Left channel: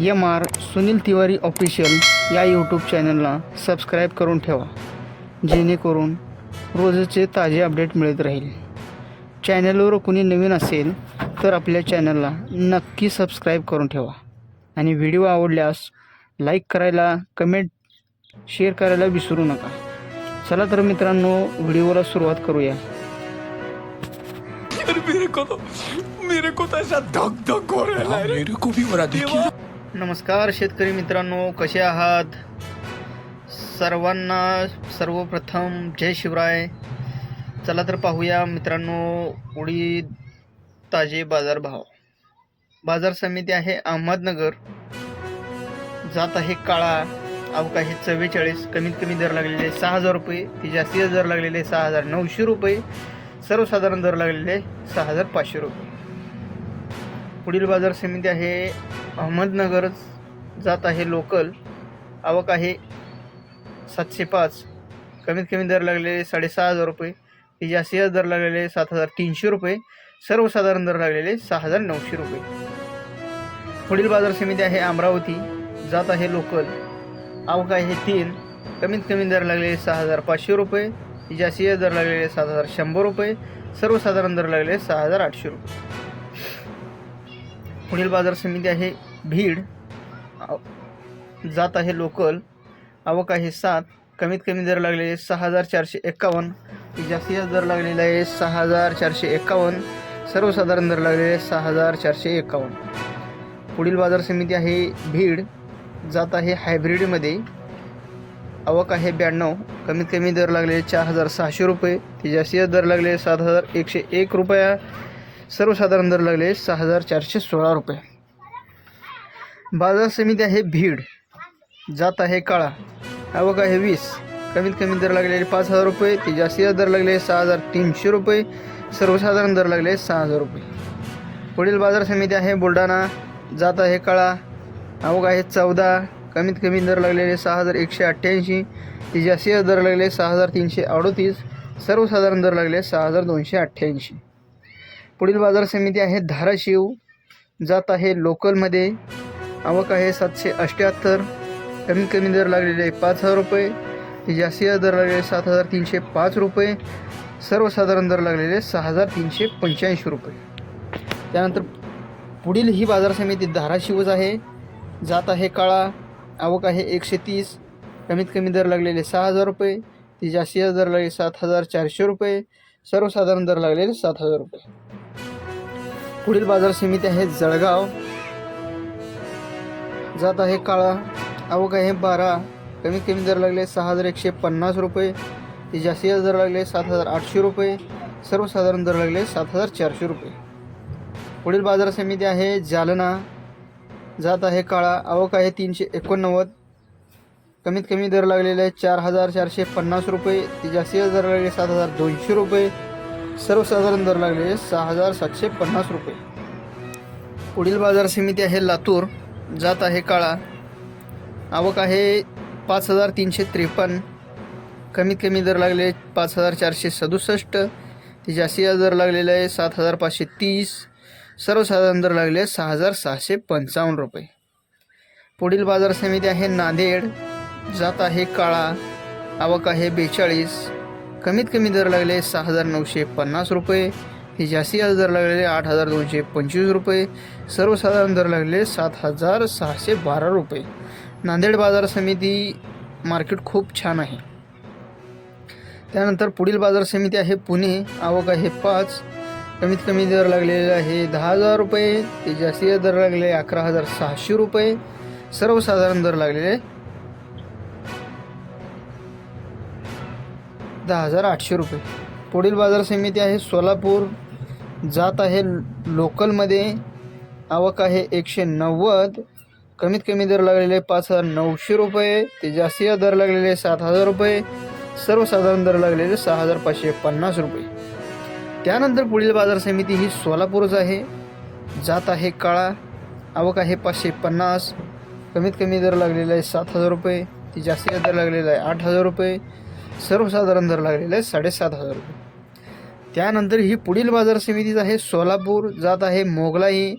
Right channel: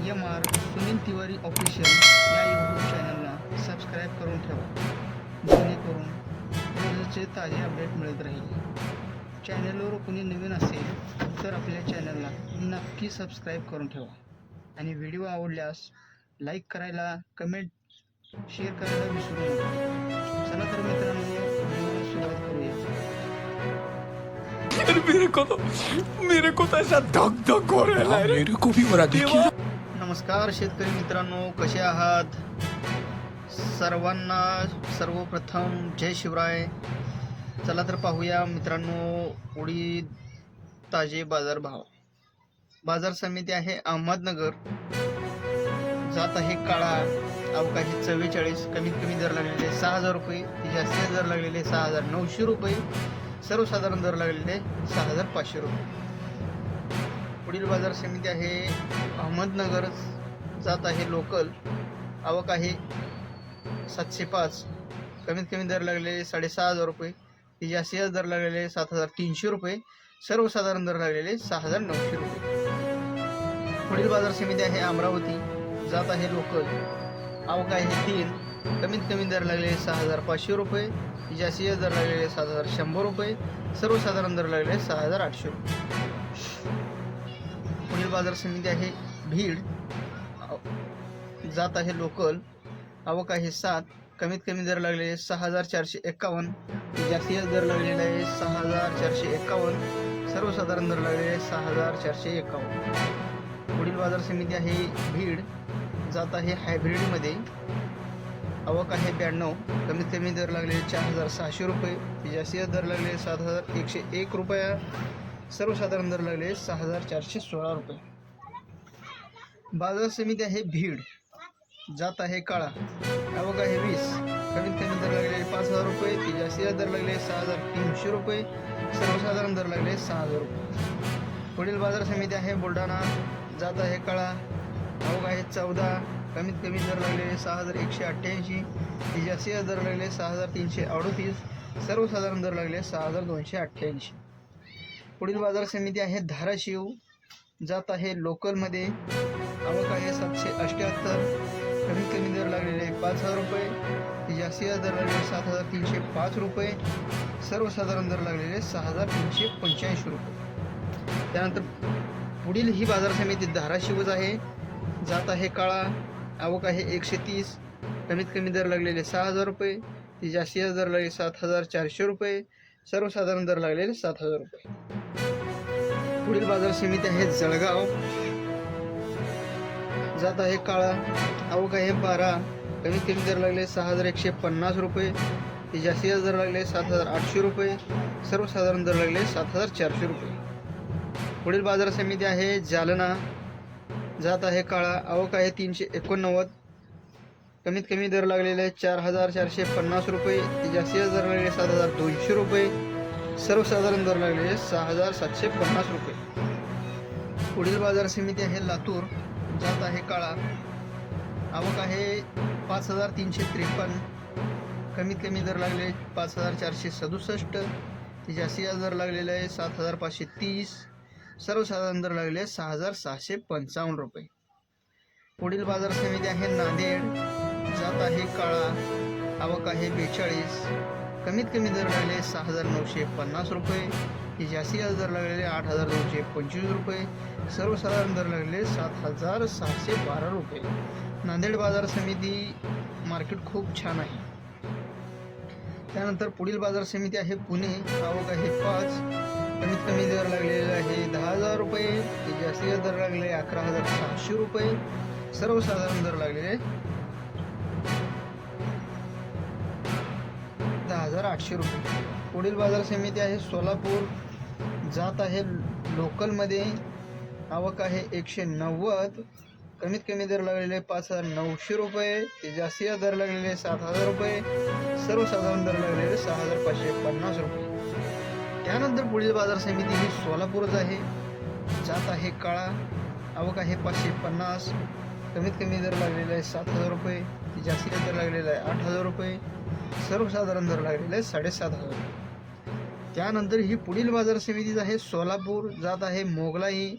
M R Sunil Tiwari official या YouTube चॅनलला subscribe करून ठेवा. जेणेकरून रोजचे ताजे अपडेट मिळत राहील. चॅनलवर कोणी नवीन असेल तर आपल्या चॅनलला नक्की सबस्क्राईब करून ठेवा. आणि व्हिडिओ आवडल्यास लाईक करायला कमेंट शेअर करायला विसरू नका. चला तर मित्रांनो व्हिडिओला सुरुवात करूया. मेरे को तो मेरे को तो ऐसा धक धक हो रहा है। मेरे को भी हो रहा देखिए। नमस्कार शेतकरी मित्रांनो कसे आहात? सर्वांना सर्वप्रथम जय शिवराय. चला तर पाहूया मित्रांनो उडीद ताजे बाजारभाव. बाजार समिती आहे अहमदनगर. जात आहे काळा अवका चव्वेचाळीस कमीत कमी दर लागलेले सहा हजार रुपये ती जास्तीत दर लागलेले सहा हजार नऊशे रुपये सर्वसाधारण दर लागलेले सहा हजार पाचशे रुपये. पुढील बाजार समिती आहे. अहमदनगर जात आहे लोकल. आवक आहे सातशे पाच. कमीत कमी दर लागलेले साडेसहा हजार रुपये. ती जास्तीत दर लागलेले सात हजार तीनशे रुपये. सर्वसाधारण दर लागलेले सहा हजार नऊशे रुपये. पुढील बाजार समिती आहे अमरावती. जात आहे लोकल. आवक आहे तीन. कमीत कमी दर लागलेले सहा हजार पाचशे रुपये. जास्तीत जास्त दर लागलेले सात हजार शंभर रुपये. सर्वसाधारण दर लागलेले सहा हजार आठशे रुपये. पुढील बाजार समिती आहे भीड जात आहे लोकल आवक आहे सात कमीत कमी दर लागलेले सहा हजार चारशे एक्कावन्न जास्तीत जास्त दर लागलेला आहे सहा हजार चारशे एक्कावन्न सर्वसाधारण दर लागलेले सहा हजार चारशे एक्कावन्न. पुढील बाजार समिती आहे भीड जात आहे हायब्रिडमध्ये आवक आहे ब्याण्णव कमीत कमी दर लागलेले चार हजार सहाशे रुपये ते जास्तीत दर लागलेले सात हजार एकशे एक रुपया सर्वसाधारण दर लागले सहा हजार चारशे सोळा रुपये. बाजार समिती आहे भीड. जात आहे काळा. आवक आहे वीस. कमीत कमी दर लागलेले पाच हजार रुपये. ती जास्तीत दर लागले सहा हजार तीनशे रुपये. सर्वसाधारण दर लागले सहा हजार रुपये. पुढील बाजार समिती आहे बुलढाणा. जात आहे काळा. आवक आहे चौदा. कमीत कमी दर लागलेले सहा हजार एकशे अठ्ठ्याऐंशी. ती जास्तीत दर लागले सहा हजार तीनशे अडोतीस. सर्वसाधारण दर लागले सहा हजार दोनशे अठ्ठ्याऐंशी. पुढील बाजार समिती आहे धाराशिव. जात आहे लोकलमध्ये आवक आहे सातशे अठ्ठ्याहत्तर कमीत कमी दर लागलेले पाच हजार रुपये. ती जास्तीत दर लागलेले सात हजार तीनशे पाच रुपये. सर्वसाधारण दर लागलेले सहा हजार तीनशे पंच्याऐंशी रुपये. त्यानंतर पुढील ही बाजार समिती धाराशिवच आहे. जात आहे काळा. आवक आहे एकशे तीस. कमीत कमी दर लागलेले सहा हजार रुपये. ती जास्तीत दर लागले सात हजार चारशे रुपये. सर्वसाधारण दर लागलेले सात हजार रुपये. पुढील बाजार समिती आहे जळगाव. जात आहे काळा आवक आहे बारा. कमीत कमी दर लागले सहा हजार एकशे पन्नास रुपये. ती जास्त दर लागले सात हजार आठशे रुपये. सर्वसाधारण दर लागले सात हजार चारशे रुपये. पुढील बाजार समिती आहे जालना. जात आहे काळा आवक आहे तीनशे एकोणनव्वद. कमीत कमी दर लागलेले चार हजार चारशे पन्नास रुपये. ती जास्त दर लागले सात हजार दोनशे रुपये. सर्वसाधारण दर लागले सहा हजार सातशे पन्नास रुपये. पुढील बाजार समिती आहे लातूर जात आहे काळा. आवक आहे पाच हजार तीनशे त्रेपन्न. कमीत कमी दर लागले पाच हजार चारशे सदुसष्ट. ते जास्तीचा दर लागलेला आहे सात हजार पाचशे तीस. सर्वसाधारण दर लागले सहा हजार सहाशे पंचावन्न रुपये. पुढील बाजार समिती आहे नांदेड जात आहे काळा. आवक आहे बेचाळीस. कमीत कमी दर लागले सहा हजार नऊशे पन्नास रुपये. ती जास्त दर लागलेले आठ हजार दोनशे पंचवीस रुपये. सर्वसाधारण दर लागले सात हजार सहाशे बारा रुपये. नांदेड बाजार समिती मार्केट खूप छान आहे. त्यानंतर पुढील बाजार समिती आहे पुणे. आवक आहे पाच. कमीत कमी दर लागलेले आहे दहा हजार रुपये. ते जास्तीत दर लागलेले अकरा हजार सहाशे रुपये. सर्वसाधारण दर लागलेले दहा हजार आठशे रुपये. पुढील बाजार समिती आहे सोलापूर. जात आहे लोकलमध्ये. आवक आहे एकशे नव्वद. कमीत कमी दर लागलेले पाच हजार नऊशे रुपये. ते जास्तीत दर लागलेले सात हजार रुपये. सर्वसाधारण दर लागलेले सहा हजार पाचशे पन्नास रुपये. त्यानंतर पुढील बाजार समिती ही सोलापूरच आहे. जात आहे काळा. आवक आहे पाचशे पन्नास. कमीत कमी दर लागलेला आहे सात हजार रुपये. ती जास्तीत दर लागलेला आहे आठ हजार रुपये. सर्वसाधारण दर लागलेला आहे साडेसात हजार रुपये. त्यानंतर ही पुढील बाजार समितीच आहे सोलापूर जात आहे मोगलाई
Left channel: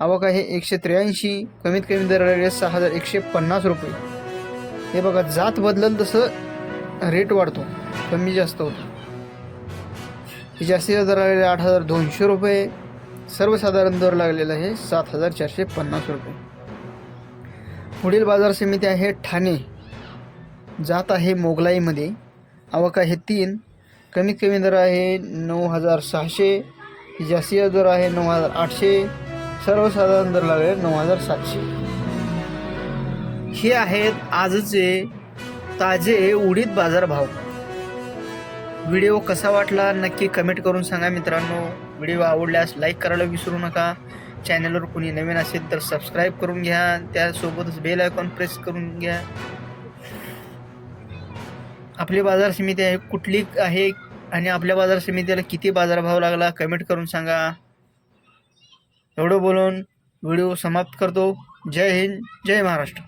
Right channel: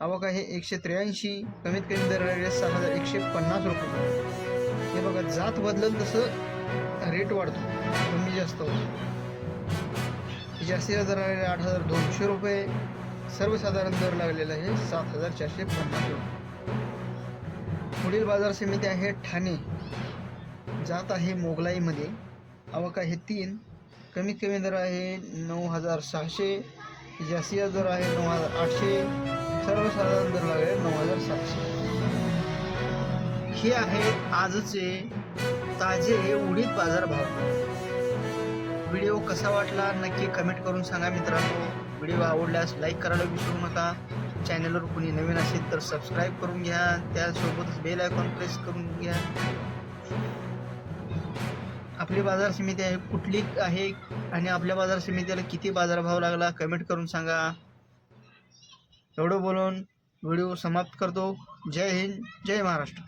आवक आहे एकशे त्र्याऐंशी कमीत कमी दर लागले सहा हजार एकशे पन्नास रुपये. हे बघा जात बदलल तसं रेट वाढतो कमी जास्त होतो. ही दर लागलेले आठ हजार दोनशे रुपये सर्वसाधारण दर लागलेला आहे सात हजार चारशे पन्नास रुपये. पुढील बाजार समिती आहे ठाणे. जात आहे मोगलाईमध्ये. आवक आहे तीन. कमीत कमी दर आहे नऊ हजार सहाशे. जास्तीत दर आहे नऊ हजार आठशे. सर्वसाधारण दर लागेल नऊ हजार सातशे. हे आहेत आजचे ताजे उडीद बाजार भाव व्हिडिओ कसा वाटला नक्की कमेंट करून सांगा मित्रांनो. व्हिडिओ आवडल्यास लाईक करायला विसरू नका. चॅनलवर कोणी नवीन असेल तर सबस्क्राईब करून घ्या. त्यासोबतच बेल आयकॉन प्रेस करून घ्या. आपली बाजार समिती आहे कुठली आहे आणि आपल्या बाजार समितीला किती बाजारभाव लागला कमेंट करून सांगा. एवढं बोलून व्हिडिओ समाप्त करतो. जय हिंद जय महाराष्ट्र.